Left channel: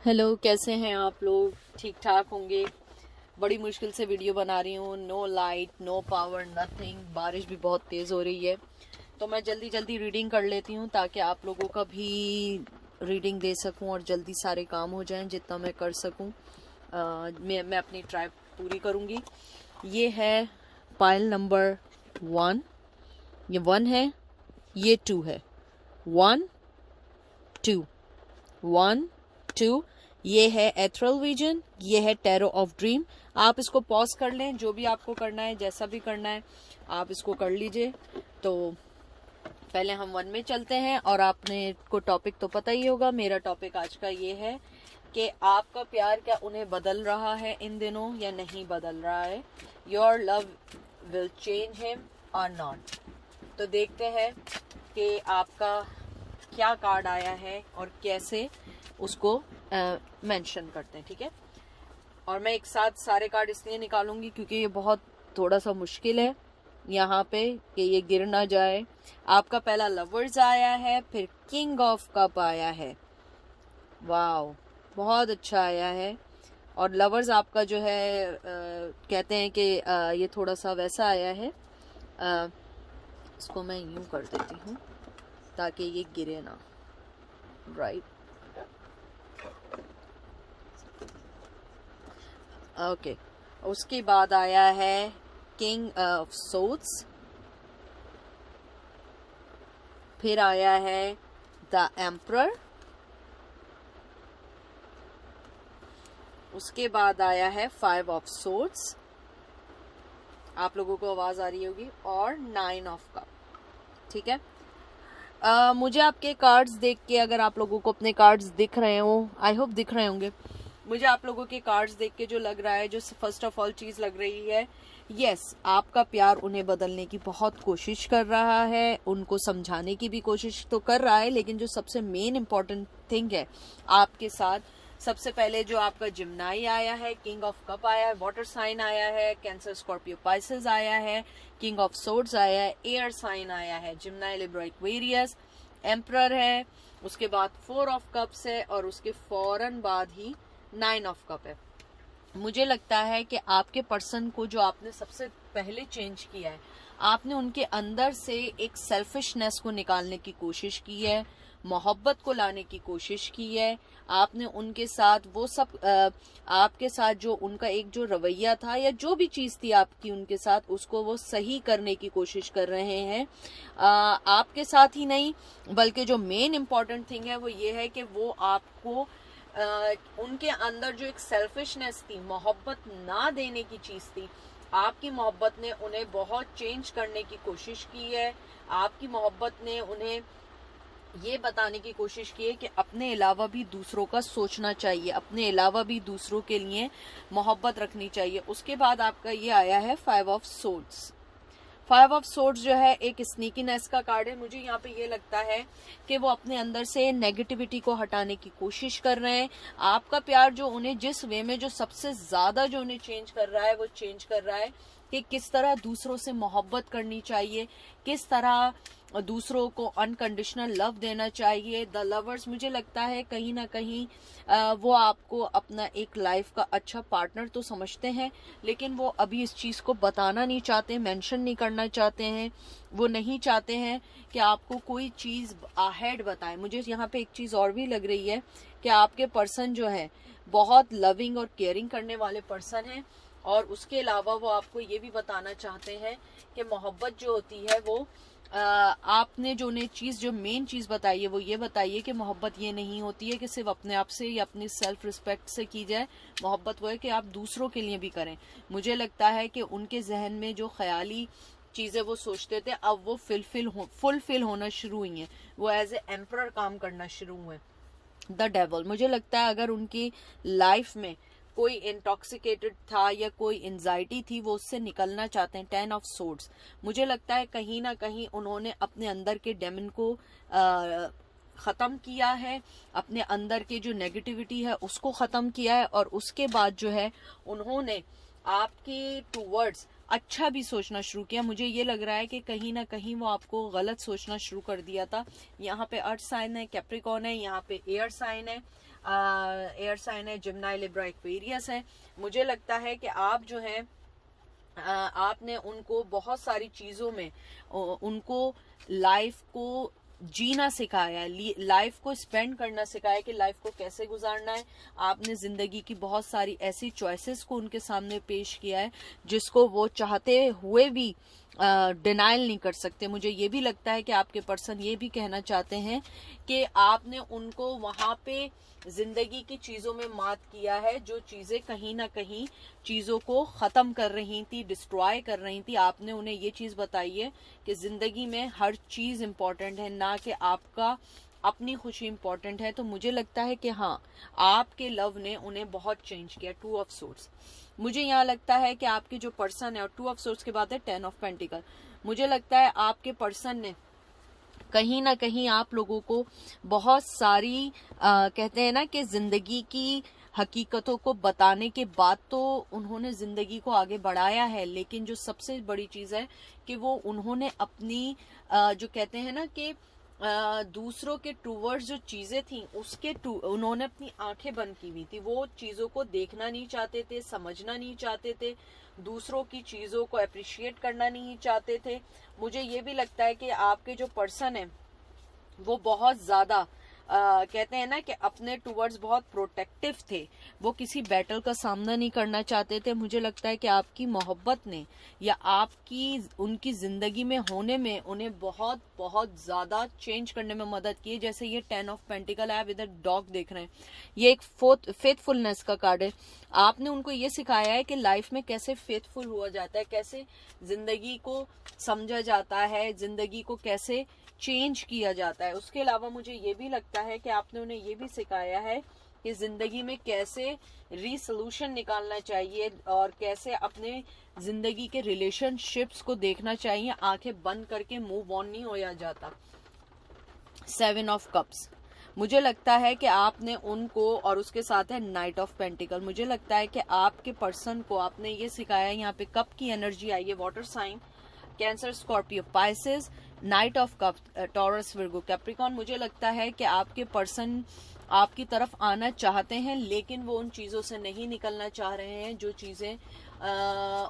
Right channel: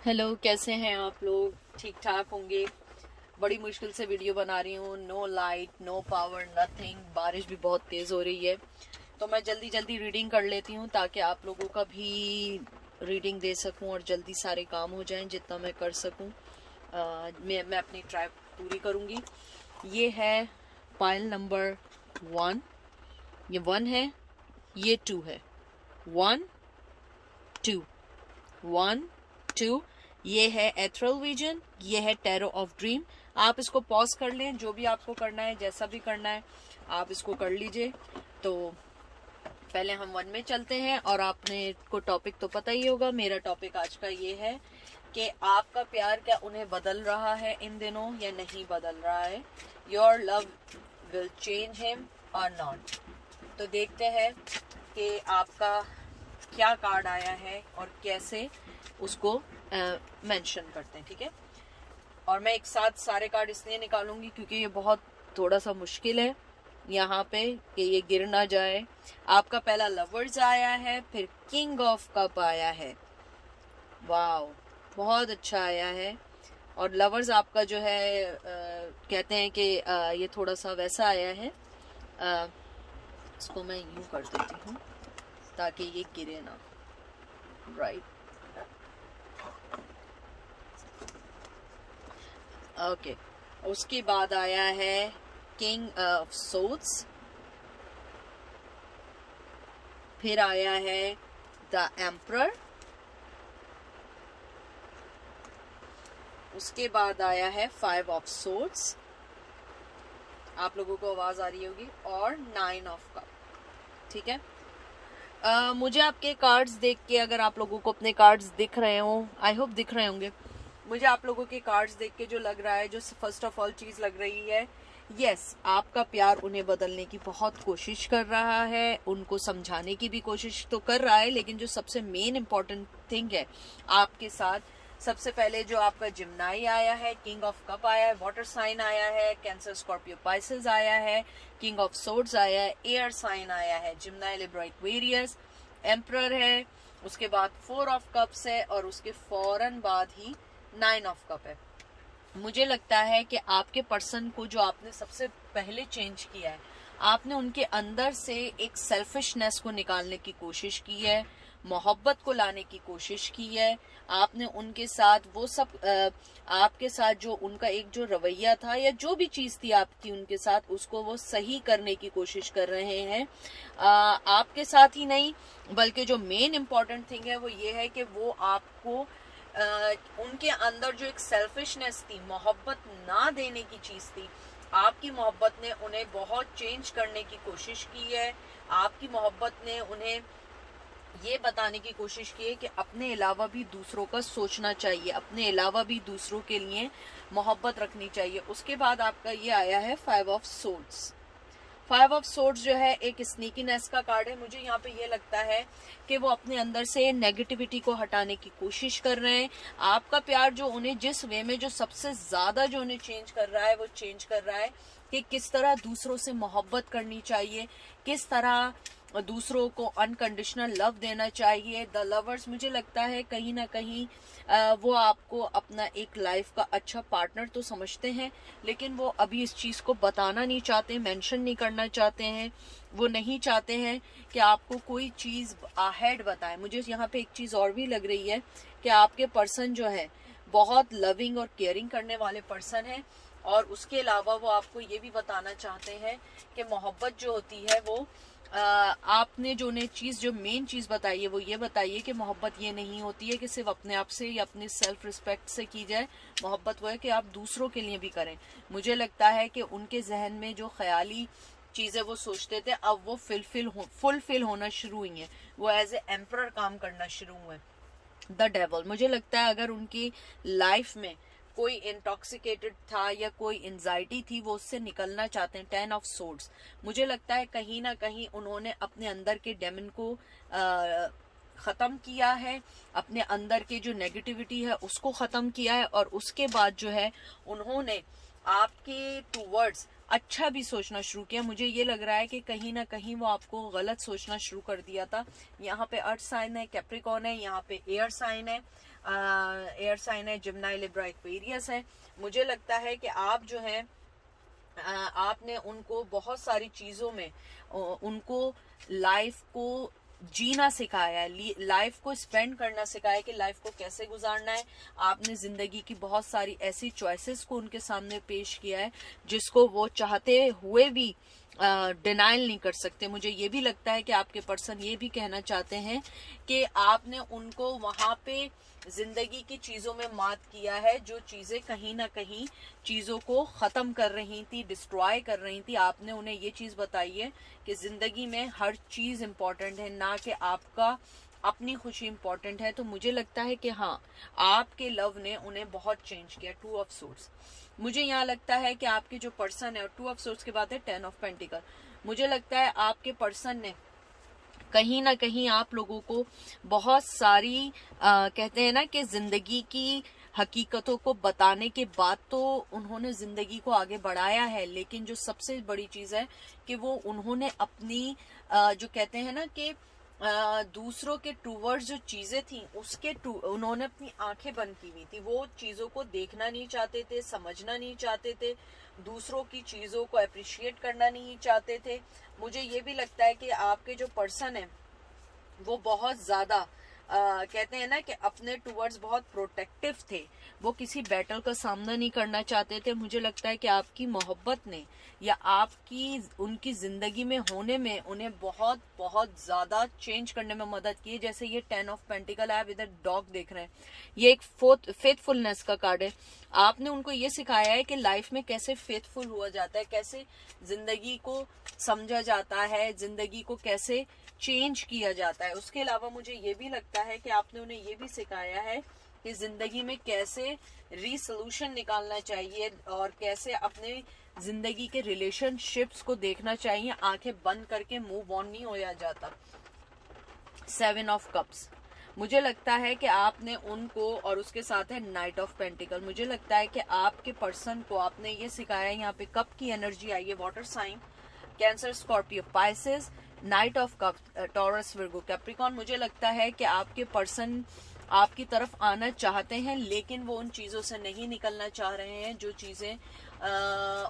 Hello, कैसे हैं आप लोग? ठीक ठाक होंगे। बड़ी मुश्किल से वीडियो बना रही हूँ। No light, no power, nothing. बारिश भी बहुत तेज़ हो रही है, तो मैं जल्दी जल्दी रीडिंग कर लेती हूँ ताकि आप लोगों का भी रीडिंग दे सकूँ और जल्दी सारे काम हो जाएं जितना मैं कर सकूँ। मैं अपनी ट्राई पूरी करूँगी। ये है पाइल नंबर 1। ये 1 है, ये 2 है। 1 2 1 2। ये है एथरल विजन, ये है टैरो ऑफ ड्रीम। आप इसको पॉज कर लें, जो भी आपको करना है, जैसा भी करना है आप इसको कर लीजिए। तो पहले हम 1 में चलते हैं। और आपने को टॉपिक तो पता ही होगा। मेरा टॉपिक आज का ये है कि आपका प्यार क्या उन्हें बदल रहा है इन दिनों या नहीं बदल रहा है। Your love will change him और नॉट। तो देखते हैं कि आपका क्या कार्ड आया है और कैसे उसको मेंशन करते हैं, ठीक है। और मैं एक साथ सारे कार्ड इसलिए निकालूंगी क्योंकि ये बहुत थोड़ा सा मुश्किल है यहाँ पे कि ये गिर ना जाए। आपका पहला लवर्स आया है, फिर किंग ऑफ कप आया है। वाओ, बहुत अच्छा आया है। और लवर्स आपका जो है कहते हैं कि ये थोड़ा सा वैसा आया है। इसको मैं यूं कर देती हूँ ताकि ये गिरे ना। Right, okay. उसके बाद आया है किंग ऑफ सोर्ड्स, फिर आया है द एम्परर, उसके बाद आया है 5 ऑफ सोर्ड्स। आप लोगों को आवाज आ रही होगी। और 9 ऑफ कप, ठीक है। मुझे आपके कार्ड्स देख के, अगर आप लोगों को अपने कार्ड्स दिख रहे हो, आई होप दिख रहे होंगे, मुझे आप लोगों के कार्ड्स देख के जो लग रहा है, जो फर्स्ट ऑफ ऑल चीज लग रही है, यस, आपका प्यार उन्हें बदलने की बहुत कोशिश कर रहा है, उनको समझाने की भी कोशिश तो कर रहा है, लेकिन जो सबसे मेन इम्पॉर्टेंट थिंग है आपके साथ, सबसे पहले जो आपका जिम्नाई आया है, किंग ऑफ कप आया है, वाटर साइन आया है, कैंसर स्कॉर्पियो पाइसेस आया है, किंग ऑफ सोर्ड्स आया है, एयर साइन आया है, जिम्नाई लिब्रा एक्वेरियस, एम्परर है, उसके बाद 4 ऑफ कप्स है, और उसके फौरन बाद ही 9 ऑफ कप है। मुझे लगता है कि आपके पर्सन को जो आपने सबसे पहले चेंज किया है, आपने उनके अंदर से एक सेल्फिशनेस को निकालने की कोशिश की है, मोहब्बत को लाने की कोशिश की है। आपने उनके साथ वो सब आपके साथ जो उनका एक जो रवैया था या जो भी चीज थी आपकी उनके साथ, उसको वो सही करने की कोशिश कर रहे हैं। आपके साथ ही नहीं, बल्कि जो मेन इम्पोर्टेंट थिंग है वो ये है कि वो आपको उनके अंदर जो एक सेल्फिशनेस थी, मोहब्बत ना देने की चीज थी, आपकी मोहब्बत ने उन्हें बहुत चेंज करने की कोशिश की है। आपकी मोहब्बत ने उन्हें ये बताने की कोशिश की है कि अपने अलावा भी दूसरों का सोचना चाहिए, अपने अलावा भी दूसरों के लिए मोहब्बत रखनी चाहिए। उसके बाद आपका ये आया है 5 ऑफ सोर्ड्स। 5 ऑफ सोर्ड्स जो है एक स्नीकीनेस का कार्ड है। मुझे यहाँ पे ये लगता है कि वो अपने अंदर से नेगेटिविटी को हटाने की कोशिश कर रहे हैं। आपका प्यार जो उन्हें जिस वे में जो सबसे ज्यादा जो उन्हें चेंज कर रहा है, वो चेंज कर रहा है कि किस तरह दूसरों से मोहब्बत करनी चाहिए, किस तरह दूसरों को अनकंडीशनल लव देना चाहिए। द लवर्स, मुझे लगता है कहीं ना कहीं वो आपको अपना एक लाइफ का अच्छा पार्टनर तो समझते हैं, लेकिन वो अभी इस चीज को बताना नहीं चाहते, मेंशन नहीं करना चाहते हैं। वो नहीं चाहते हैं कि आपको कोई चीज अहेड बताए। मुझे यहाँ पे एक चीज और भी लग रही है कि आपके पर्सन जो है बहुत लविंग और केयरिंग करने वाले पर्सन है, और उसके अलावा वो आपको ये भी बताना चाहते हैं कि मोहब्बत जो होती है वो आपने जो उन्हें चीज, जो मेन चीज बताई है वो ये बताइए कि मोहब्बत ये नहीं होती है कि सिर्फ अपने आप से या अपनी सेल्फ रिस्पेक्ट से की जाए। मोहब्बत वो है कि आप दूसरों के लिए भी करें। मुझे लगता है कि उनके जहन में जो ख्याली चीजें वो सोचते थे, अब वो फुलफिल होना शुरू हुई हैं। वो एज ए एम्परर काम करना शुरू हुए। द डेवल, मुझे लगता है अगर उनकी लाइफ में कोई इंटॉक्सिकेटेड था या कोई एंजाइटी थी, वो उससे निकलना चाहते हैं। 10 ऑफ सोर्ड्स, मुझे लगता है कहीं ना कहीं उन्होंने अपने अंदर के डेमन को खत्म किया है, अपने अंदर के जो नेगेटिविटी है उसको खत्म किया है, और उसके बाद जो है उन्होंने आपके टूवर्ड्स अच्छा भी सोचना शुरू किया। मुझे ये लग रहा है कि कहीं ना कहीं वो आपको गलत सोचना शुरू कर दिया था। यहाँ पे अर्थ साइन है, कैप्रिकॉन है, यहाँ पे एयर साइन है। एयर साइन है, जिम्नाई, लिब्रा, एक्वेरियस है। मुझे लगता है कि आप जो है आपने उनको बहुत सारी चीजों में उनको लाइफ को जीना सिखाया है, लाइफ को स्पेंड करना सिखाया कि लाइफ को कैसे गुजारना है। आपने जिंदगी की बहुत सारी ऐसी चॉइसेस को उनके सामने पेश किया है जिसको वो चाहते हुए भी डिनाइल नहीं कर सकते। मुझे ये भी लगता है कि आपके पर्सन ये भी कहना चाहते हैं कि आपने उनको वहां पे जिंदगी की चीजों में मात किया है, जो चीजें कहीं ना कहीं चीजों को खत्म कर रही थी, डिस्ट्रॉय कर रही थी। आपने उन्हें ये चीज बताई है कि जिंदगी में हर चीज इंपॉर्टेंट है, ना कि आपका अपनी खुशी इंपॉर्टेंट है। तो मुझे लगता है कि हाँ, आपके लव ने उन्हें बहुत चेंज किया। 2 ऑफ सोर्ड्स मुझे यहाँ लगता है कि आपके जो पर्सन है, और 2 ऑफ सोर्ड्स के बाद है 10 ऑफ पेंटिकल, मुझे लगता है आपके पर्सन ने कहीं ना कहीं आप लोगों को बहुत सारी कहते हैं ना कि जिंदगी की हकीकतों को बताने के बाद तो उन्होंने जिंदगी को आगे बढ़ाया है, लेकिन जो सबसे बड़ी चीज है कि वो उन्होंने अपनी जो कहते हैं ना कि दूसरों के टूवर्ड्स जो चीजें थी उसके उन्होंने अपनी आंखें बंद की हुई थी। वो चीजों को देखना नहीं चाहते थे, समझना नहीं चाहते थे, दूसरों की चीजों को अप्रिशिएट करना नहीं चाहते थे। मुझे ये भी लगता है कि आपके जो पर्सन है वो बहुत ज्यादा कहते हैं ना कि अपने टूवर्ड्स बहुत प्रोटेक्टिव थे, वो किसी बैटल का सामना नहीं करना चाहते थे। मुझे लगता है कि आपकी मोहब्बत ने या आपकी उनकी जिंदगी में होने में उन्हें बहुत बहुत ज्यादा चेंज करने में मदद की है। जैसे ये 10 ऑफ पेंटिकल है, आप इधर डॉग देख रहे हैं, ये एक फेथफुलनेस का कार्ड है। आपने उनको ये सिखाया है कि लाइफ में कैसे फेथफुल हुआ जाता है, कैसे जिंदगी को समझा जाता है, जिंदगी को कैसे चेंज किया जाता है। उसके अलावा मुझे ये भी लगता है कि आपने उन्हें ये भी सिखाया है कि जिंदगी में कैसे रीसोल्यूशन निकालना चाहिए और कैसे अपने जिंदगी के रिलेशनशिप्स को देखना चाहिए, आंखें बंद करके मूव ऑन नहीं होया जाता। 7 ऑफ कप्स मुझे लगता है कि आपने उनको, और उसके साथ है नाइट ऑफ पेंटिकल, मुझे लगता है कि आपके पर्सन को आपने ये सिखाया है। यहाँ पे कप की एनर्जी आई है, water sign, Cancer, Scorpio, Pisces, knight of cup, Taurus, Virgo, Capricorn. मुझे लगता है कि आपके पर्सन आपकी तरफ आना चाहते हैं, लेकिन वो उन चीजों से नहीं निकलना चाह रहे हैं जो चीजें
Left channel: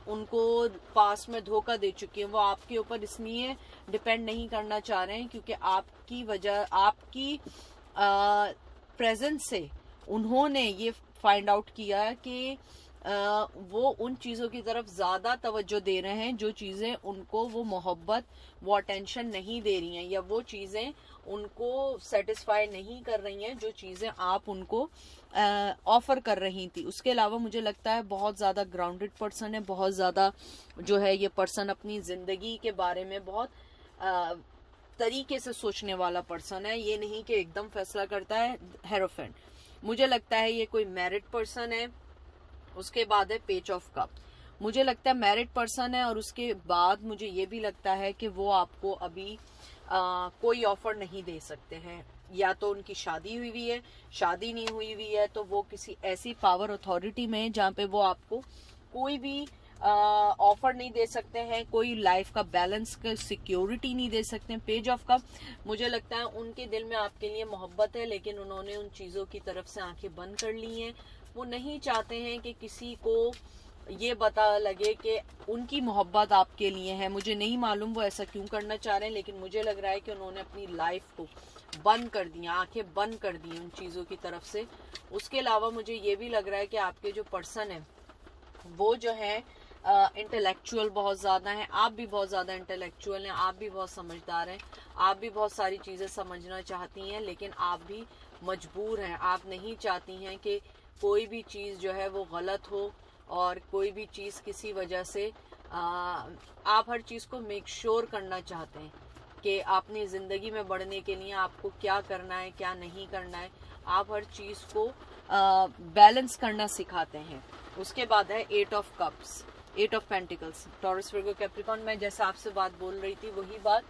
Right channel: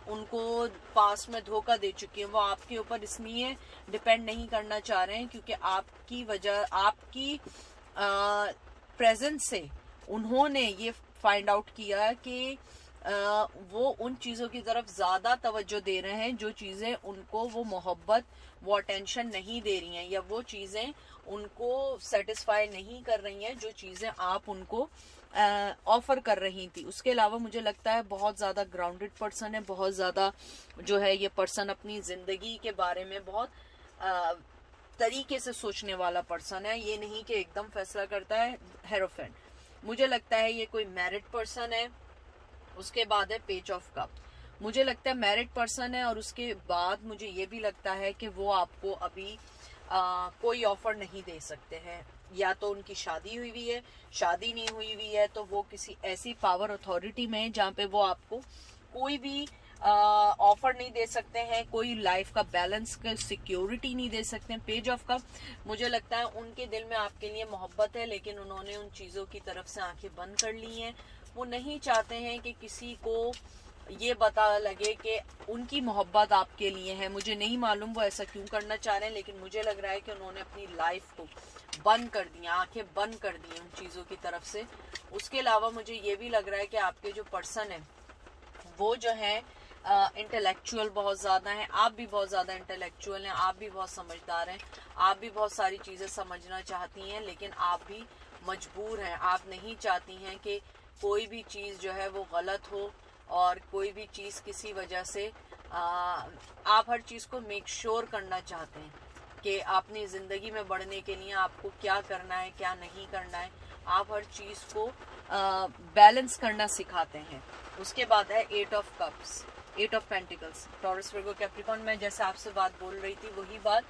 उनको पास में धोखा दे चुकी हैं। वो आपके ऊपर इसलिए डिपेंड नहीं करना चाह रहे हैं क्योंकि आपकी वजह, आपकी प्रेजेंस से उन्होंने ये फाइंड आउट किया कि वो उन चीजों की तरफ ज्यादा तवज्जो दे रहे हैं जो चीजें उनको वो मोहब्बत, वो अटेंशन नहीं दे रही हैं, या वो चीजें उनको सेटिस्फाई नहीं कर रही हैं जो चीजें आप उनको ऑफर कर रही थी। उसके अलावा मुझे लगता है बहुत ज्यादा ग्राउंडेड पर्सन है, बहुत ज्यादा जो है ये पर्सन अपनी जिंदगी के बारे में बहुत तरीके से सोचने वाला पर्सन है, ये नहीं कि एकदम फैसला करता है। हेरोफेंट मुझे लगता है ये कोई मैरिड पर्सन है। उसके बाद है पेज ऑफ कप, मुझे लगता है मैरिड पर्सन है। और उसके बाद मुझे ये भी लगता है कि वो आपको अभी कोई ऑफर नहीं दे सकते हैं, या तो उनकी शादी हुई हुई है, शादी नहीं हुई हुई है तो वो किसी ऐसी पावर अथॉरिटी में है जहाँ पे वो आपको कोई भी ऑफर नहीं दे सकते हैं, कोई लाइफ का बैलेंस का सिक्योरिटी नहीं दे सकते हैं। पेज ऑफ कप मुझे लगता है उनके दिल में आपके लिए मोहब्बत है, लेकिन उन्होंने उन चीजों की तरफ से आंखें बंद कर ली हैं। वो नहीं चाहते हैं कि किसी को ये पता लगे कि उनकी मोहब्बत आपके लिए है। मुझे नहीं मालूम वो ऐसा क्यों करना चाह रहे हैं, लेकिन मुझे लग रहा है कि उन्होंने अपनी लाइफ को बंद कर दिया, आंखें बंद कर दी उन चीजों की तरफ से। उसके अलावा मुझे ये भी लग रहा है कि आपके जो पर्सन है वो जो है इंटेलेक्चुअल बहुत ज्यादा है, आप भी बहुत ज्यादा इंटेलेक्चुअल हैं, आप भी बहुत समझदार हैं, आप भी बहुत सारी चीजें समझना चाहती हैं, लेकिन आप भी मजबूर हैं। आप नहीं चाहती हैं कि कोई भी चीज जो है वो गलत हो, और कोई भी चीज किसी वजह से आप हर चीज को मेक श्योर करना चाहते हैं कि अपनी जिंदगी में बढ़ने के लिए आपको क्या करना है, क्या नहीं करना है। आप हर चीज को बैलेंस करना सिखाते हैं। उसके बाद है 8 of cups, 8 of pentacles, taurus, Virgo, Capricorn. मैं जैसे आपसे बात बोल रही थी वही बात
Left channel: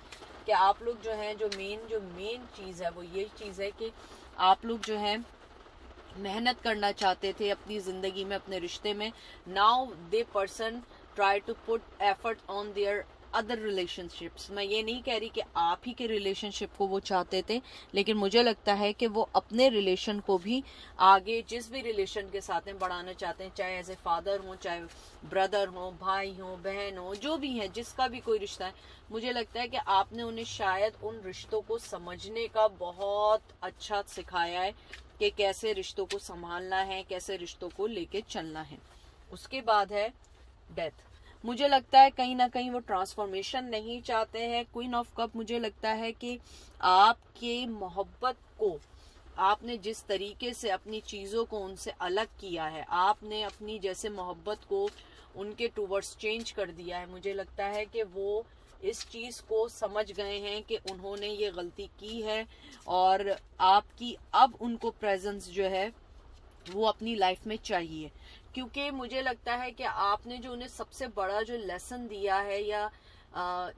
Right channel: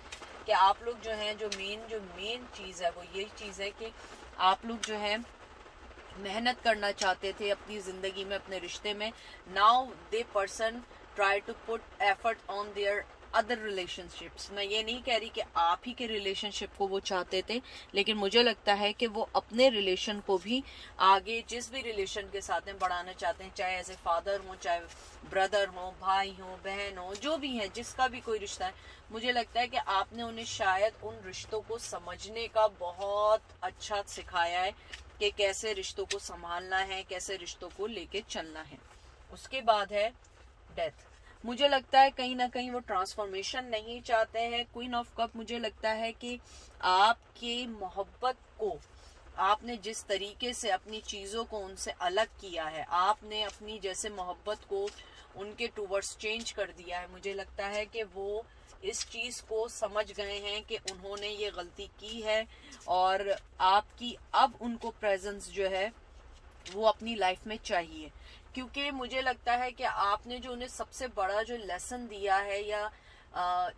कि आप लोग जो हैं, जो मेन चीज है वो ये चीज है कि आप लोग जो है मेहनत करना चाहते थे अपनी जिंदगी में, अपने रिश्ते में। Now the person try to put effort on their other relationships. मैं ये नहीं कह रही कि आप ही के रिलेशनशिप को वो चाहते थे, लेकिन मुझे लगता है कि वो अपने रिलेशन को भी आगे जिस भी रिलेशन के साथ में बढ़ाना चाहते हैं, चाहे एज ए फादर हो, चाहे ब्रदर हो, भाई हो, बहन हो, जो भी है, जिसका भी कोई रिश्ता है, मुझे लगता है कि आपने उन्हें शायद उन रिश्तों को समझने का बहुत अच्छा सिखाया है कि कैसे रिश्तों को संभालना है, कैसे रिश्तों को लेके चलना है। उसके बाद है डेथ। मुझे लगता है कहीं ना कहीं वो ट्रांसफॉर्मेशन नहीं चाहते हैं। क्वीन ऑफ कप, मुझे लगता है कि आपके मोहब्बत को आपने जिस तरीके से अपनी चीज़ों को उनसे अलग किया है, आपने अपनी जैसे मोहब्बत को उनके टूवर्ड्स चेंज कर दिया है, मुझे लगता है कि वो इस चीज़ को समझ गए हैं कि उन्होंने ये गलती की है और आपकी अब उनको प्रेजेंस जो है वो अपनी लाइफ में चाहिए। क्योंकि मुझे लगता है कि आपने जो उन्हें सबसे बड़ा जो लेसन दिया है या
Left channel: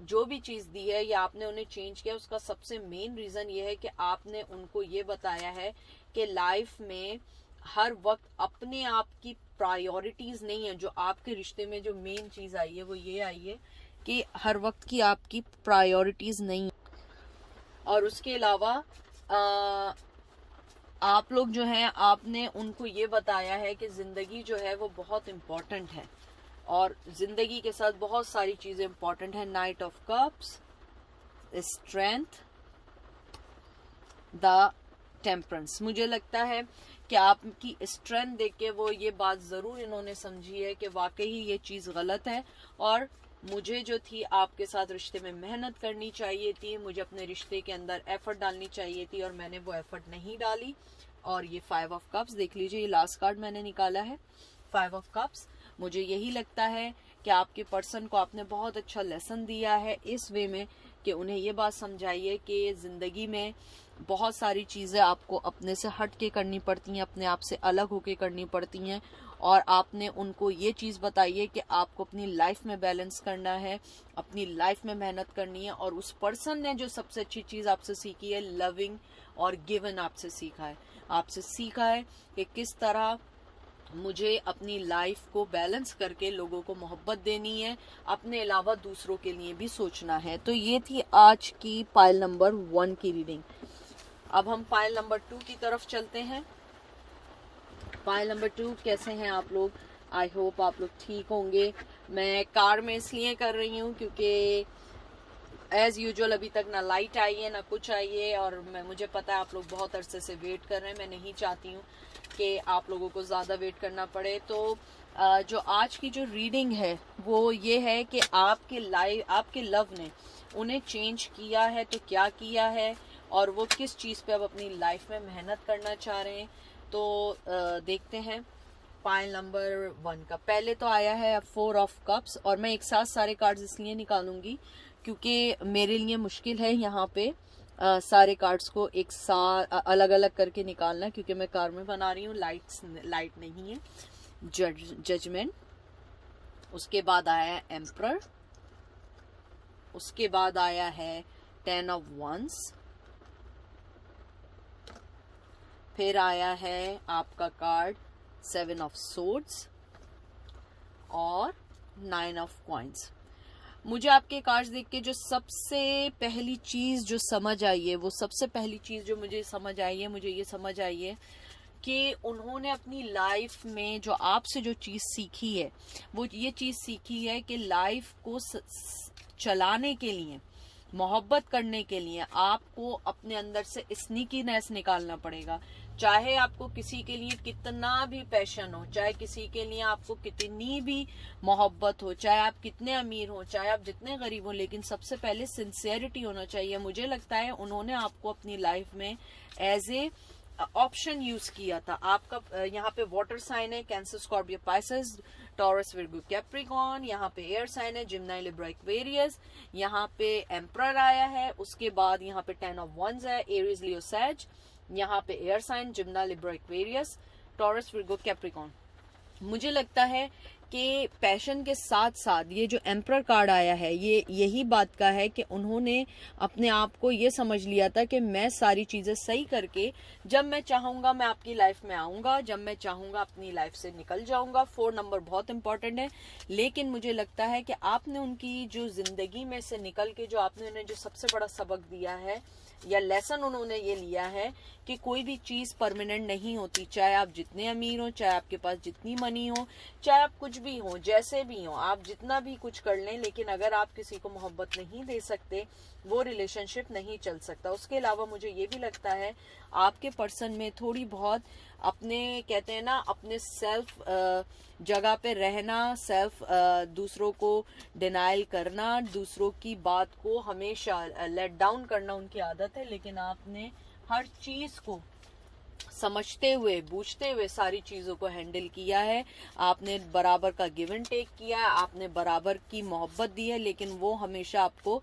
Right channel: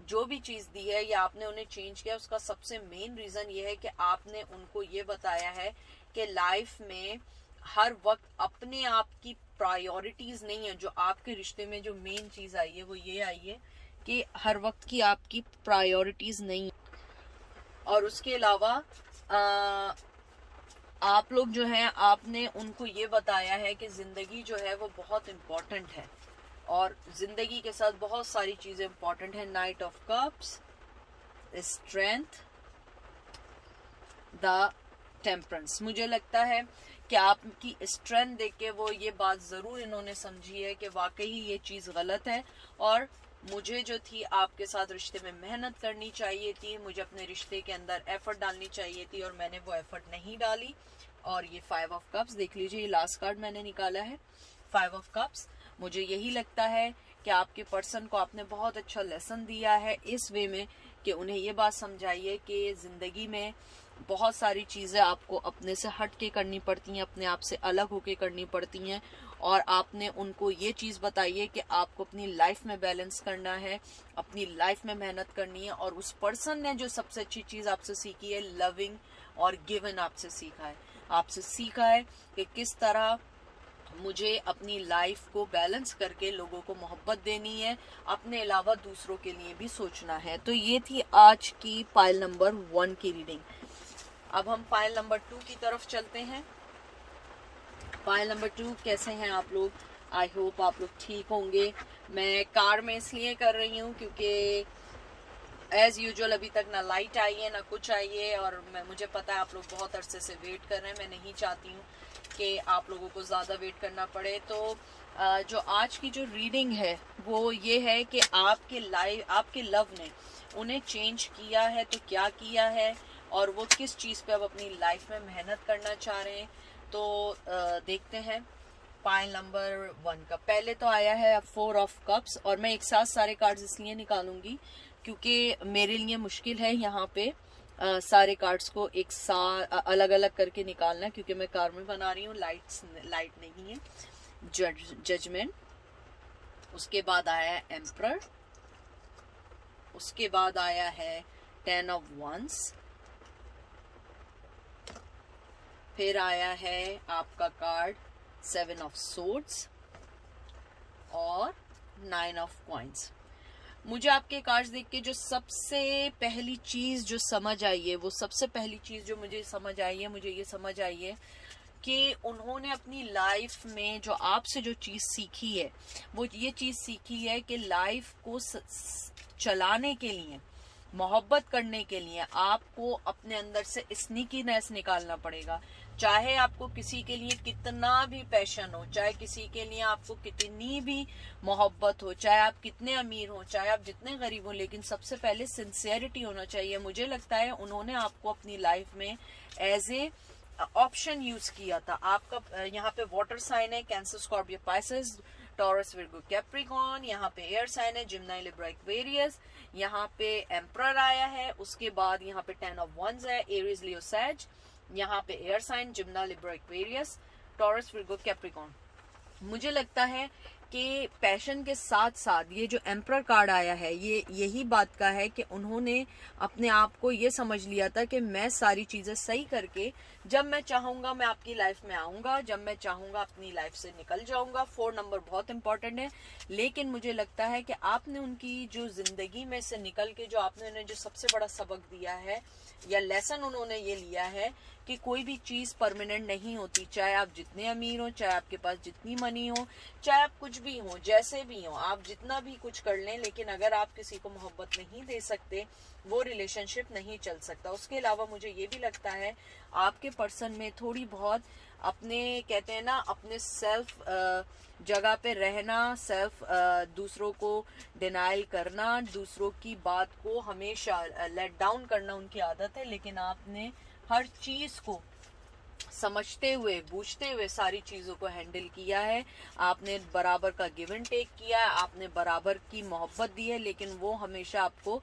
जो भी चीज़ दी है या आपने उन्हें चेंज किया, उसका सबसे मेन रीज़न ये है कि आपने उनको ये बताया है कि लाइफ में हर वक्त अपने आप की प्रायोरिटीज़ नहीं है। जो आपके रिश्ते में जो मेन चीज़ आई है वो ये आई है कि हर वक्त की आपकी प्रायोरिटीज़ नहीं। और उसके अलावा आप लोग जो हैं, आपने उनको ये बताया है कि ज़िंदगी जो है वो बहुत इम्पोर्टेंट है और ज़िंदगी के साथ बहुत सारी चीज़ें इम्पोर्टेंट है। Night of cups, strength, the temperance. मुझे लगता है कि आपकी स्ट्रेंथ देख के वो ये बात ज़रूर इन्होंने समझी है कि वाकई ये चीज़ गलत है और मुझे जो थी आपके साथ रिश्ते में मेहनत करनी चाहिए थी, मुझे अपने रिश्ते के अंदर एफर्ट डालनी चाहिए थी और मैंने वो एफर्ट नहीं डाली। और ये 5 ऑफ कप्स देख लीजिए, ये लास्ट कार्ड मैंने निकाला है 5 ऑफ कप्स। मुझे यही लगता है कि आपके पर्सन को आपने बहुत अच्छा लेसन दिया है इस वे में कि उन्हें ये बात समझाइए कि ज़िंदगी में बहुत सारी चीज़ें आपको अपने से हट के करनी पड़ती हैं, अपने आप से अलग होके करनी पड़ती हैं और आपने उनको ये चीज़ बताई है कि आपको अपनी लाइफ में बैलेंस करना है, अपनी लाइफ में मेहनत करनी है। और उस पर्सन ने जो सबसे अच्छी चीज़ आपसे सीखी है, लविंग और गिवन आपसे सीखा है कि किस तरह मुझे अपनी लाइफ को बैलेंस करके लोगों को मोहब्बत देनी है, अपने अलावा दूसरों के लिए भी सोचना है। तो ये थी आज की पाइल नंबर 1 की रीडिंग। अब हम पाइल नंबर 2 की तरफ चलते हैं। पाइल नंबर 2, कैसे हैं आप लोग? आई होप आप लोग ठीक होंगे। मैं कार में इसलिए कर रही हूँ क्योंकि एज यूजुअल अभी तक ना लाइट आई है ना कुछ आई है और मुझे पता है आप लोग बहुत अरसे से वेट कर रहे हैं। मैं नहीं चाहती हूँ कि आप लोगों को ज़्यादा वेट करना पड़े। तो जो आज की जो रीडिंग है वो ये है कि आपके लव ने उन्हें चेंज किया है तो क्या किया है और वो किस चीज़ पे अब अपनी लाइफ में मेहनत करना चाह रहे हैं। तो देखते हैं पाइल नंबर 1 का। पहले तो आया है 4 ऑफ कप्स और मैं एक साथ सारे कार्ड्स इसलिए निकालूंगी क्योंकि मेरे लिए मुश्किल है यहाँ पे सारे कार्ड्स को एक साथ अलग अलग करके निकालना, क्योंकि मैं कार में बना रही हूँ, लाइट नहीं है। जजमेंट, उसके बाद आया है एम्परर, उसके बाद आया है 10 ऑफ वंस, फिर आया है आपका कार्ड 7 ऑफ सोर्ड्स और 9 ऑफ कॉइंस। मुझे आपके कार्ड्स देख के जो सबसे पहली चीज़ जो समझ आई है, वो सबसे पहली चीज़ जो मुझे समझ आई है, मुझे ये समझ आई है कि उन्होंने अपनी लाइफ में जो आपसे जो चीज़ सीखी है वो ये चीज़ सीखी है कि लाइफ को चलाने के लिए, मोहब्बत करने के लिए आपको अपने अंदर से स्नीकीनेस निकालना पड़ेगा। चाहे आपको किसी के लिए कितना भी पैशन हो, चाहे किसी के लिए आपको कितनी भी मोहब्बत हो, चाहे आप कितने अमीर हो, चाहे आप जितने गरीब हो, लेकिन सबसे पहले सिंसियरिटी होना चाहिए। मुझे लगता है उन्होंने आपको अपनी लाइफ में एज ए ऑप्शन यूज किया था। आपका यहाँ पे वाटर साइन है, cancer, Scorpio, Pisces, taurus, Virgo, Capricorn. यहाँ पे एयर साइन है, जिम्नाई, लिब्रा, एक्वेरियस। यहाँ पे एम्परर आया है, उसके बाद यहाँ पे 10 ऑफ वंस है, एरीज, लियो, सैज। यहाँ पे air sign, Gemini, Libra, Aquarius, Taurus, Virgo, Capricorn. मुझे लगता है कि पैशन के साथ साथ ये जो एम्परर कार्ड आया है ये यही बात का है कि उन्होंने अपने आप को ये समझ लिया था कि मैं सारी चीज़ें सही करके जब मैं चाहूँगा मैं आपकी लाइफ में आऊँगा, जब मैं चाहूँगा अपनी लाइफ से निकल जाऊँगा। 4 नंबर बहुत इंपॉर्टेंट है, लेकिन मुझे लगता है कि आपने उनकी जो ज़िंदगी में से निकल के जो आपने उन्हें जो सबसे बड़ा सबक दिया है या लेसन उन्होंने ये लिया है कि कोई भी चीज़ परमानेंट नहीं होती, चाहे आप जितने अमीर हो, चाहे आपके पास जितनी मनी हो, चाहे आप कुछ भी हो, जैसे भी हो, आप जितना भी कुछ कर लें, लेकिन अगर आप किसी को मोहब्बत नहीं दे सकते वो रिलेशनशिप नहीं चल सकता। उसके अलावा मुझे ये भी लगता है आपके पर्सन में थोड़ी बहुत अपने कहते हैं ना अपने सेल्फ जगह पे रहना, सेल्फ दूसरों को डिनाइल करना, दूसरों की बात को हमेशा लेट डाउन करना उनकी आदत है। लेकिन आपने हर चीज को समझते हुए बूझते हुए सारी चीज़ों को हैंडल किया है। आपने बराबर का गिव एंड टेक किया है, आपने बराबर की मोहब्बत दी है, लेकिन वो हमेशा आपको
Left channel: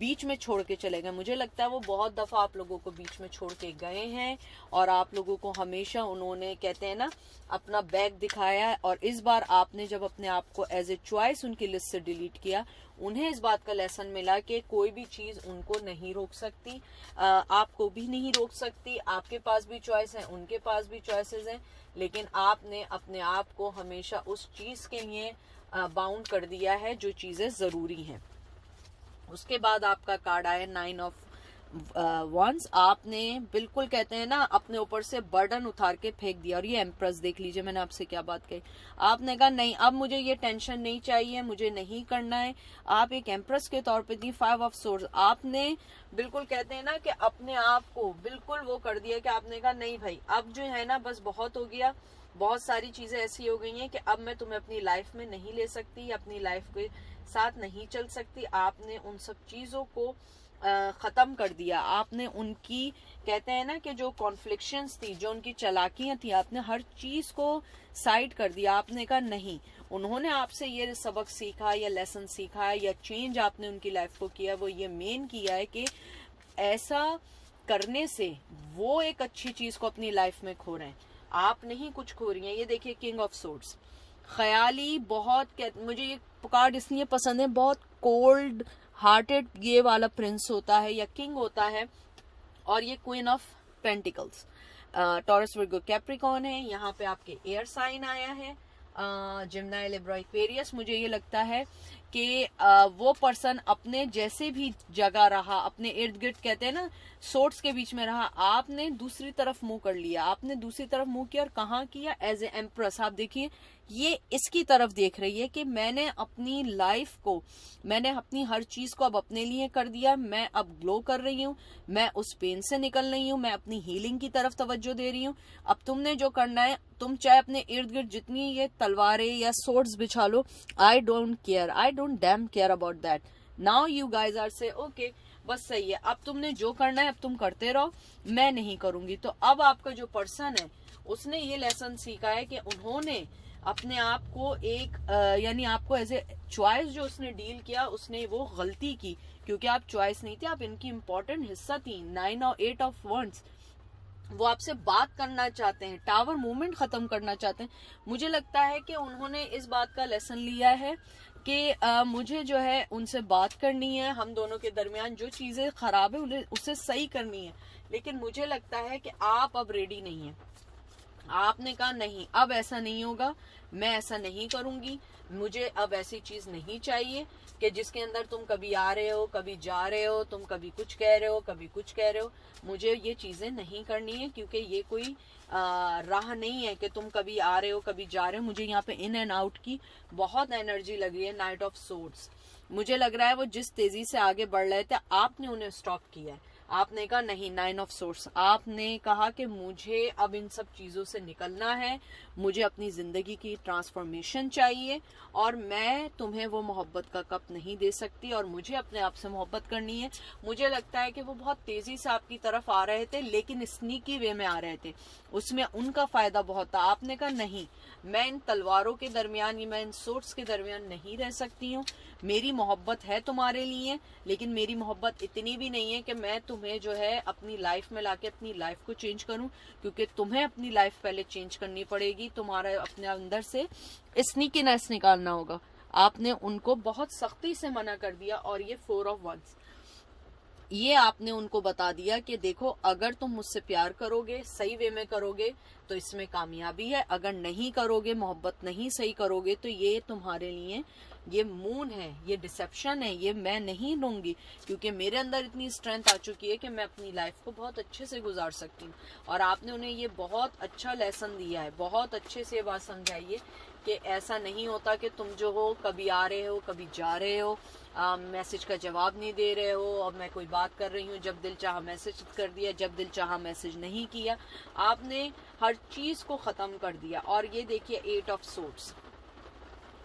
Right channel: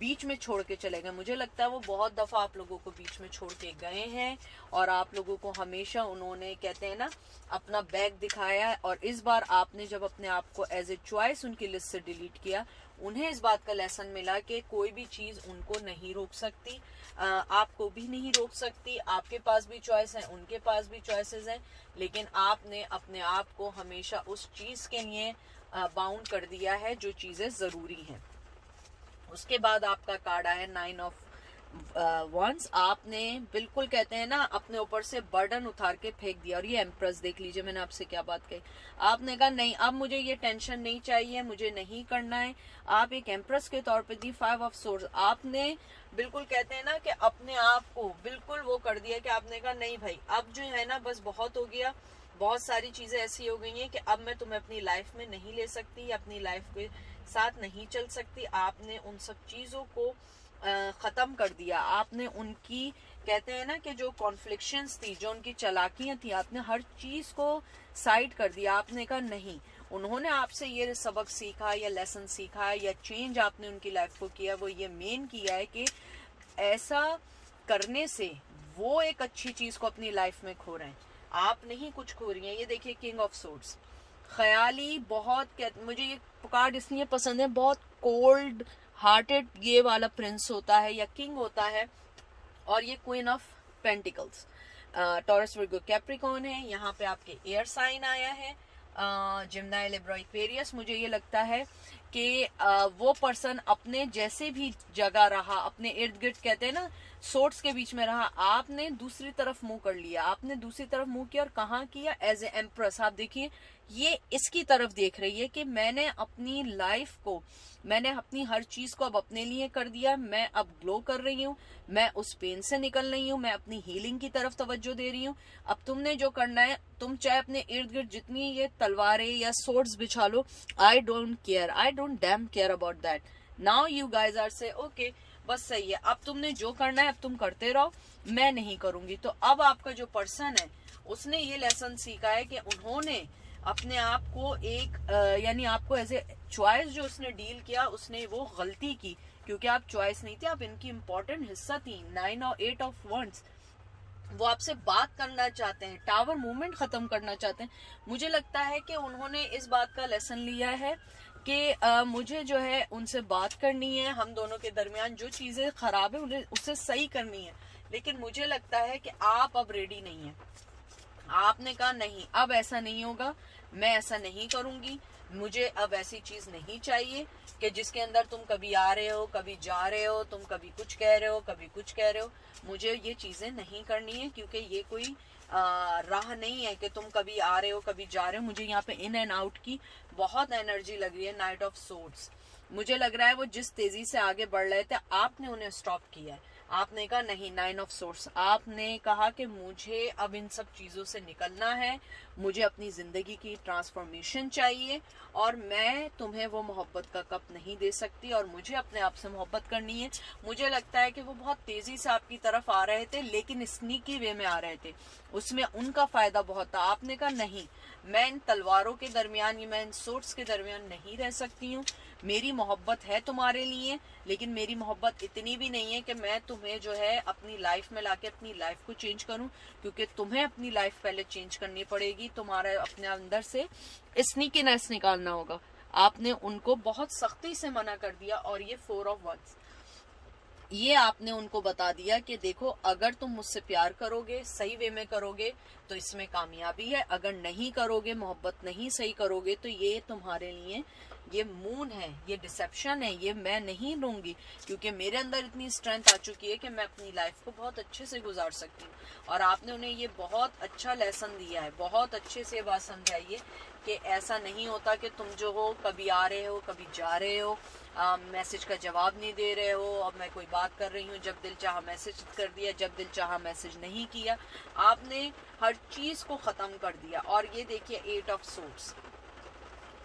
बीच में छोड़ के चले गए। मुझे लगता है वो बहुत दफ़ा आप लोगों को बीच में छोड़ के गए हैं और आप लोगों को हमेशा उन्होंने कहते हैं ना अपना बैग दिखाया है। और इस बार आपने जब अपने आप को एज ए चॉइस उनकी लिस्ट से डिलीट किया, उन्हें इस बात का लेसन मिला कि कोई भी चीज़ उनको नहीं रोक सकती, आपको भी नहीं रोक सकती। आपके पास भी चॉइस है, उनके पास भी चॉइसेस हैं, लेकिन आपने अपने आप को हमेशा उस चीज़ के लिए बाउंड कर दिया है जो चीज़ें ज़रूरी हैं। उसके बाद आपका कार्ड आया 9 ऑफ वंस। आपने बिल्कुल कहते हैं ना अपने ऊपर से बर्डन उतार के फेंक दिया। और ये एम्प्रेस देख लीजिए, मैंने आपसे क्या बात कही। आपने कहा नहीं अब मुझे ये टेंशन नहीं चाहिए, मुझे नहीं करना है। आप एक एम्प्रेस के तौर पे दी 5 ऑफ सोर्ड्स। आपने बिल्कुल कहते हैं ना कि अपने आप को बिल्कुल वो कर दिया कि आपने कहा नहीं भाई अब जो है ना बस बहुत हो गया, बहुत सारी चीजें ऐसी हो गई हैं कि अब मैं तुम्हें अपनी लाइफ में नहीं ले सकती, अपनी लाइफ के साथ नहीं चल सकती। आपने उन सब चीजों को खत्म कर दिया। आपने उनकी कहते हैं ना कि जो कॉन्फ्लिक्शंस थी, जो उनकी चालाकियां थी, आपने हर चीज को साइड कर दिया। आपने कहा नहीं, उन्होंने आपसे ये सबक सीखा या लेसन सीखा है या चेंज आपने उनकी लाइफ को किया, वो ये मेन किया है कि ऐसा करने से वो एक अच्छी चीज को अपनी लाइफ में खो रहे हैं, आप नहीं कुछ खो रही हैं। ये देखिए किंग ऑफ सोर्ड्स, ख्याली बहुत, मुझे ये कार्ड इसलिए पसंद है, बहुत कोल्ड हार्टेड ये वाला प्रिंस होता है या किंग होता है। और ये queen of pentacles, Taurus Virgo Capricorn है। यहाँ पे आपके एयर साइन आया है जिम्नाई लिब्रा एक्वेरियस। मुझे ये लगता है कि वो पर्सन अपने जैसे भी जगह रहा, अपने इर्द गिर्द कहते हैं ना सोर्ट्स के बीच में रहा, आपने दूसरी तरफ मुंह कर लिया, आपने दूसरी तरफ मुंह किया। और कहाँ किया? As a empress. आप देखिए ये इसकी तरफ देख रही है कि मैंने अपनी लाइफ को, मैंने अपनी हर चीज को अब अपने लिए कर दिया, मैं अब ग्लो कर रही हूँ, मैं उस पेन से निकल रही हूँ, मैं अपनी हीलिंग की तरफ तवज्जो दे रही हूँ। अब तुमने जो करना है, तुम चाहे अपने इर्द गिर्द जितनी ये तलवारें या सोर्ड्स बिछा लो, I don't care, I don't damn care about that. Now you guys are say okay बस सही है, अब तुमने जो करना है अब तुम करते रहो, मैं नहीं करूंगी। तो अब आपका जो पर्सन है उसने ये लेसन सीखा है कि उन्होंने अपने आप को एक यानी आपको एज ए चॉइस जो उसने डील किया, उसने वो गलती की क्योंकि आप चॉइस नहीं थे, आप इनकी इंपॉर्टेंट हिस्सा थी। 9 और 8 ऑफ वंड्स, वो आपसे बात करना चाहते हैं, टावर मूवमेंट खत्म करना चाहते हैं। मुझे लगता है कि उन्होंने इस बात का लेसन लिया है कि मुझे जो है उनसे बात करनी है, हम दोनों के दरमियान जो चीजें खराब है उन्हें उससे सही करनी है। लेकिन मुझे लगता है कि आप अब रेडी नहीं है। आपने कहा नहीं अब ऐसा नहीं होगा, मैं ऐसा नहीं करूंगी, मुझे अब ऐसी चीज नहीं चाहिए कि जिसके अंदर तुम कभी आ रहे हो कभी जा रहे हो, तुम कभी कुछ कह रहे हो कभी कुछ कह रहे हो। मुझे ये चीजें नहीं करनी है क्योंकि ये कोई राह नहीं है कि तुम कभी आ रहे हो कभी जा रहे हो। मुझे यहाँ पे इन एंड आउट की बहुत एनर्जी लग रही है। नाइट ऑफ सोर्ड्स, मुझे लग रहा है वो जिस तेजी से आगे बढ़ रहे थे आपने उन्हें स्टॉप किया है। आपने कहा नहीं, 9 ऑफ सोर्ड्स, आपने कहा कि मुझे अब इन सब चीज़ों से निकलना है, मुझे अपनी ज़िंदगी की ट्रांसफॉर्मेशन चाहिए और मैं तुम्हें वो मोहब्बत का कप नहीं दे सकती और मुझे अपने आप से मोहब्बत करनी है। मुझे लगता है कि वो बहुत तेज़ी से आपकी तरफ आ रहे थे लेकिन स्नीकी वे में आ रहे थे, उसमें उनका फ़ायदा बहुत था। आपने कहा नहीं, मैं इन तलवारों के दरमियान, मैं इन सोर्ड्स के दरमियान नहीं रह सकती हूँ, मेरी मोहब्बत है तुम्हारे लिए, लेकिन मेरी मोहब्बत इतनी भी नहीं है कि मैं तुम्हें जो है अपनी लाइफ में लाके अपनी लाइफ को चेंज करूं, क्योंकि तुम्हें अपनी लाइफ पहले चेंज करनी पड़ेगी। तुम्हारे अपने अंदर से स्नीकीनेस निकालना होगा। आपने उनको बहुत सख्ती से मना कर दिया, और ये 4 ऑफ वंस, ये आपने उनको बता दिया कि देखो अगर तुम मुझसे प्यार करोगे, सही वे में करोगे तो इसमें कामयाबी है, अगर नहीं करोगे, मोहब्बत नहीं सही करोगे तो ये तुम्हारे लिए ये मून है, ये डिसेप्शन है, ये मैं नहीं लूंगी, क्योंकि मेरे अंदर इतनी स्ट्रेंथ आ चुकी है कि मैं अपनी लाइफ को बहुत अच्छे से गुजार सकती हूँ। और आपने उन्हें ये बहुत अच्छा लेसन दिया है, बहुत अच्छे से बात समझाइए कि ऐसा नहीं होता कि तुम जो हो कभी आ रहे हो कभी जा रहे हो, मैसेज का जवाब नहीं दे रहे हो, अब मैं कोई बात कर रही हूँ, जब दिल चाहा मैसेज कर दिया, जब दिल चाहा मैसेज नहीं किया। आपने हर चीज़ को ख़त्म कर दिया। और ये देखिए 8 ऑफ सोर्ड्स,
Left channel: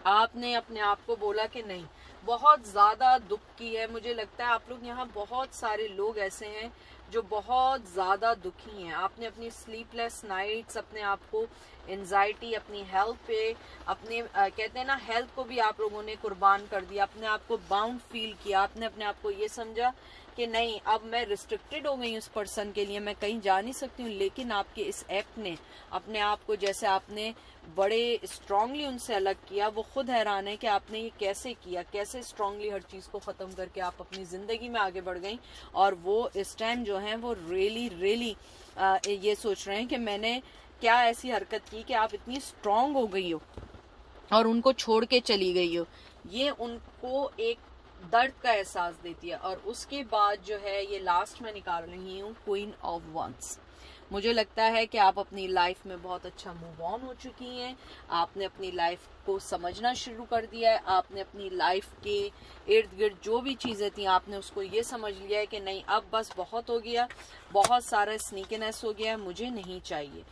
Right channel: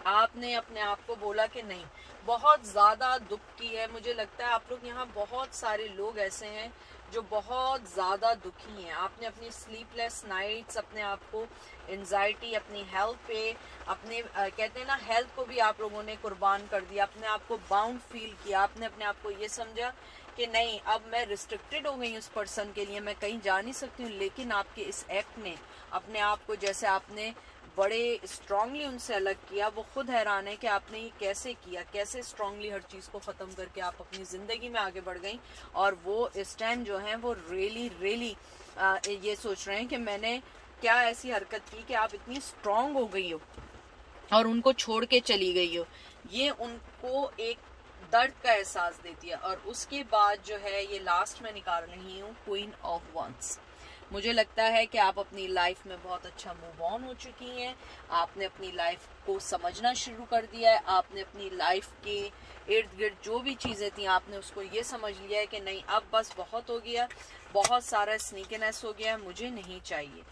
आपने अपने आप को बोला कि नहीं, बहुत ज़्यादा दुख की है। मुझे लगता है आप लोग यहाँ बहुत सारे लोग ऐसे हैं जो बहुत ज़्यादा दुखी हैं। आपने अपनी स्लीपलेस नाइट्स, अपने आप को एंजाइटी, अपनी हेल्थ पे, अपने कहते हैं ना हेल्थ को भी आप लोगों ने कुर्बान कर दिया, अपने आप को बाउंड फील किया। आपने अपने आप को ये समझा कि नहीं, अब मैं रिस्ट्रिक्टेड हो गई उस पर्सन के लिए, मैं कहीं जा नहीं सकती हूँ। लेकिन आपके इस एक्ट ने अपने आप को, जैसे आपने बड़े स्ट्रांगली उनसे अलग किया, वो खुद हैरान है कि आपने ये कैसे किया, कैसे स्ट्रांगली हर चीज़ को ख़त्म करके आप अपनी ज़िंदगी में आगे बढ़ गई। और वो इस टाइम जो है वो रियली ये सोच रहे हैं कि मैंने क्या ऐसी हरकत की कि आप इतनी स्ट्रांग हो गई हो और उनको छोड़ के चली गई हो। ये उनको एक दर्द का एहसास देती है। और उसके बाद जो है ये लास्ट में निकाल रही हूँ क्वीन ऑफ वंस। मुझे लगता है कि आप अपनी लाइफ में बहुत अच्छा मूव ऑन हो चुकी हैं। आपने अपनी लाइफ को समझना शुरू कर दिया है। आपने अपनी लाइफ के इर्द गिर्द जो भी चीज़ें थी, आपने उसको ये समझ लिया है कि नहीं, अब बस बहुत हो गया, बहुत सारा स्नीकीनेस हो गया, मुझे नहीं चाहिए।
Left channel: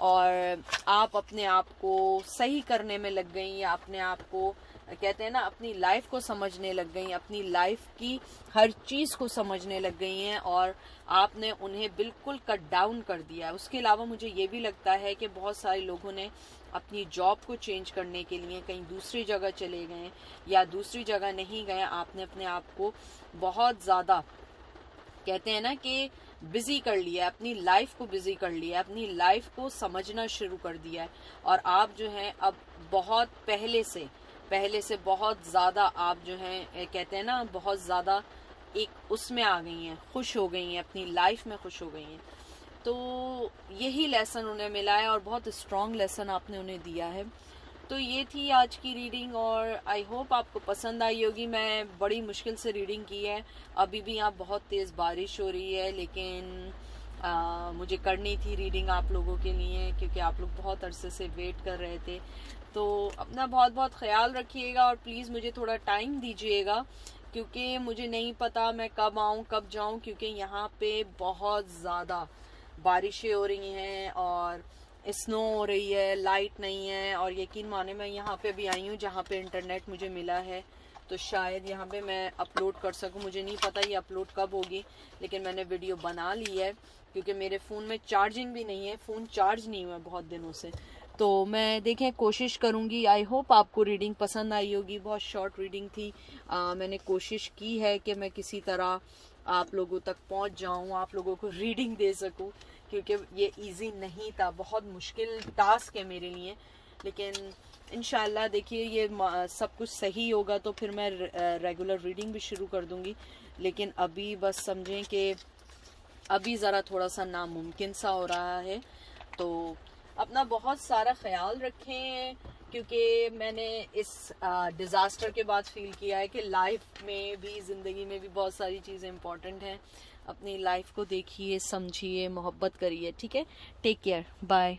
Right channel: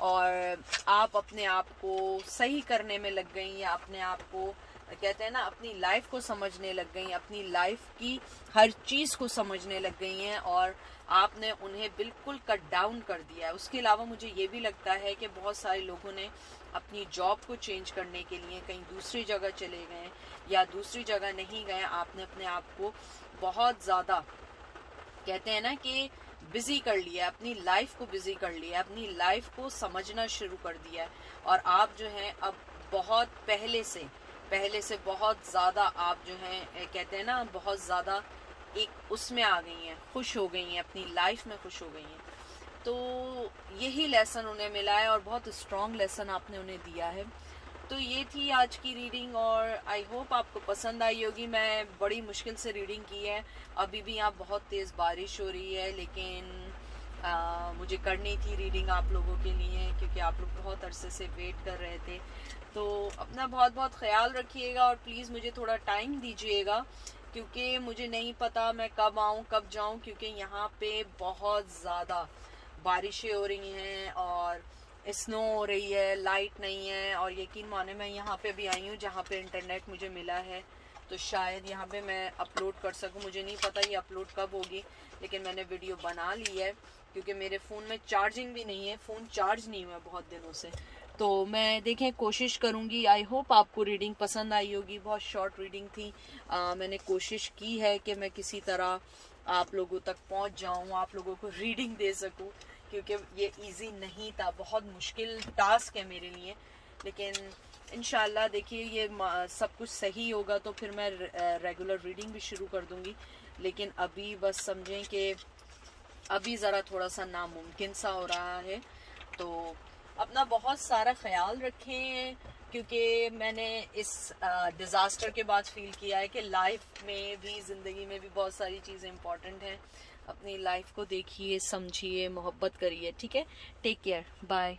और आप अपने आप को सही करने में लग गई, या अपने आप को कहते हैं ना अपनी लाइफ को समझने लग गई, अपनी लाइफ की हर चीज़ को समझने लग गई हैं, और आपने उन्हें बिल्कुल कट डाउन कर दिया है। उसके अलावा मुझे ये भी लगता है कि बहुत सारे लोगों ने अपनी जॉब को चेंज करने के लिए कहीं दूसरी जगह चले गए, या दूसरी जगह नहीं गए। आपने अपने आप को बहुत ज़्यादा कहते हैं ना कि बिजी कर लिया, अपनी लाइफ को बिजी कर लिया, अपनी लाइफ को समझना शुरू कर दिया है। और आप जो हैं अब बहुत पहले से बहुत ज़्यादा आप जो हैं कहते हैं ना बहुत ज़्यादा एक उसमें आ गई हैं, खुश हो गई हैं, अपनी लाइफ में खुश हो गई हैं। तो यही लेसन उन्हें मिला है, और बहुत स्ट्रॉन्ग लेसन आपने उन्हें दिया है। तो ये थी आज की रीडिंग, और आई होप आपको पसंद आई होगी। मैं बड़ी मुश्किल से रीडिंग की है। अभी भी यहाँ बहुत तेज़ बारिश हो रही है, लेकिन मुझे करनी थी रीडिंग आप लोगों के लिए, क्योंकि आप लोग बहुत अरसे से वेट कर रहे थे। तो अपना बहुत बहुत ख्याल रखिएगा, और प्लीज़ मुझे थोड़ा टाइम दीजिएगा, क्योंकि मुझे नहीं पता मैं कब आऊँ कब जाऊँ, क्योंकि यहाँ पे बहुत ज़्यादा बारिशें हो रही हैं और स्नो हो रही है, लाइट नहीं है। और यकीन माने मैं यहाँ पे भी आई हूँ जहाँ पे इंटरनेट मुझे मिला है, तो शायद यहाँ पे मैं अपलोड कर सकूँ। मुझे नहीं पता ये अपलोड कब होगी, लेकिन मैंने वीडियो बना ली है, क्योंकि मेरे फ़ोन में चार्जिंग भी नहीं है, फ़ोन चार्ज नहीं हुआ बहुत दिनों से। तो मैं देखें कोशिश करूँगी। आई होप आपको रीडिंग पसंद आई होगी। बहुत शॉर्ट रीडिंग थी। मैंने कोशिश की है कि मैं किसी तरह आप लोगों तक पहुँच जाऊँ, आप लोगों को रीडिंग दे सकूँ, क्योंकि ये इजी नहीं था, बहुत मुश्किल टास्क है मेरे लिए। लेकिन इंशाल्लाह देखिए ये सब कुछ सही होगा तो फिर मैं रेगुलर रीडिंग भी शुरू कर दूँगी। लेकिन अभी बस समझें कि अभी ज़रा थोड़ा सा नामुमकिन सा हो रहा है। तो अपना बहुत सारा ख्याल रखें, क्योंकि मैंने इस डिज़ास्टर के बाद फील किया है कि लाइफ में भी, ज़िंदगी में भी बहुत सारी चीज़ें इंपॉर्टेंट हैं। अपनी लाइफ को देखिए, समझिए, मोहब्बत करिए। ठीक है, टेक केयर, बाय।